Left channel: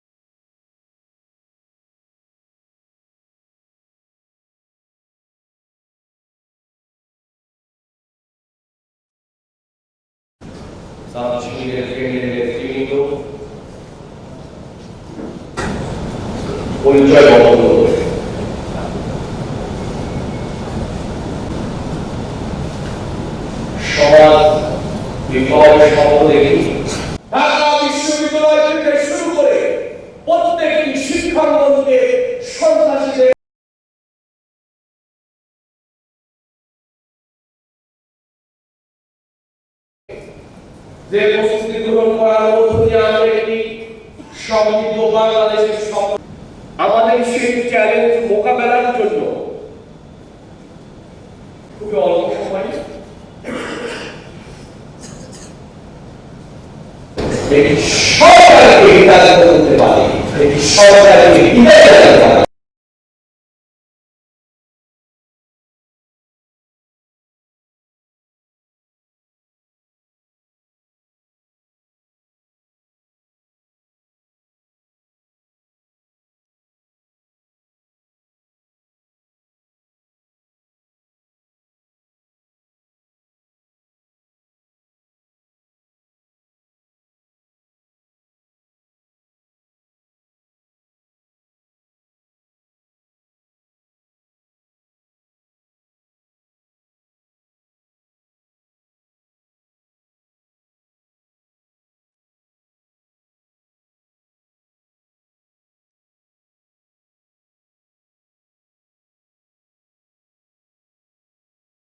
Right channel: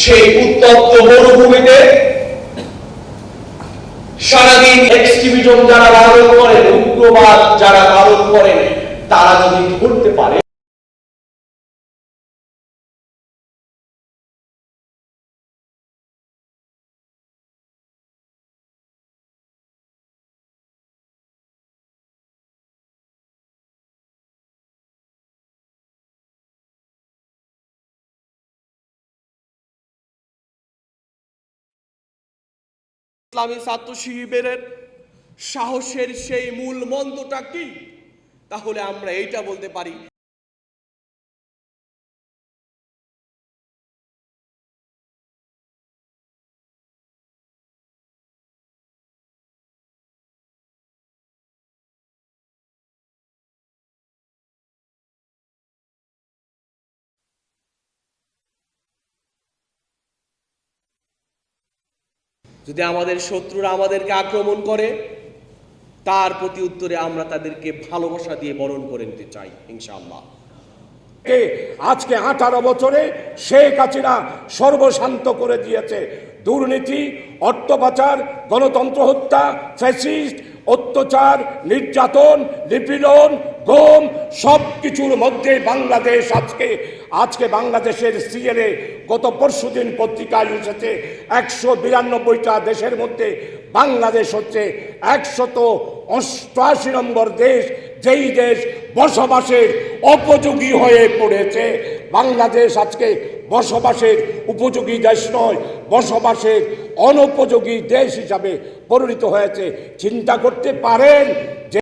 সেই উত্তপ্ত মরুভূমিতে সারাদিন এক্সট্রিমিজম যারা পালন করেন উগ্রবাদ যারা পালন করেন তারা যদি ধরতে পারে। সমাজ বিপ্লবের স্বপ্ন ইসলামী ছাত্র শিবিরের সাহসের সেই মূল মন্ত্রটা কি? তাহলে আমরা এইটা বলতে পারি। যে প্রস্তুতি গ্রহণ করার মধ্য দিয়ে আমরা একটি সমৃদ্ধ বাংলাদেশের আমাদের সেই চ্যালেঞ্জ মোকাবেলার জন্য খুবই অল্প সময় সরকারকে হিতায়িত করতে পারি একটি সরকারকে হিতায়িত করতে পারি যদি আমাদের শত্রুরা আমাদেরকে আক্রমণ করে, তার প্রতি উত্তরে আমরা তাদেরকে ভালোবাসা দিয়ে বরণ করে নিতে চাই, ইনশাআল্লাহ। আজকে আঠারো বছরে শেখ হাসিনা সর্বশান্ত করে দিয়েছে। দুর্নীতি, অর্থ পাচার, গণতন্ত্র হত্যা, ফ্যাসিস্ট অত্যাচার, নির্যাতন, নিপীড়ন, গম সব কিছুর মধ্যে বাংলাদেশ আজকে আজকে বাংলাদেশের সিএলএ গত পরশুদিন পত্রিকায় এসেছে, একশো বিরানব্বইটা দেশের মধ্যে বাংলাদেশ হচ্ছে একশত অষ্টআশি নম্বর দেশ, যেই দেশ বসবাসের উপযোগী হয়ে পড়েছে। বাংলাদেশ আজকে বসবাসের উপযোগী দেশ নয়, বসবাসের অনুপযোগী দেশ হিসাবে পরিণত হয়েছে। চিন্তা করতে পারেন যে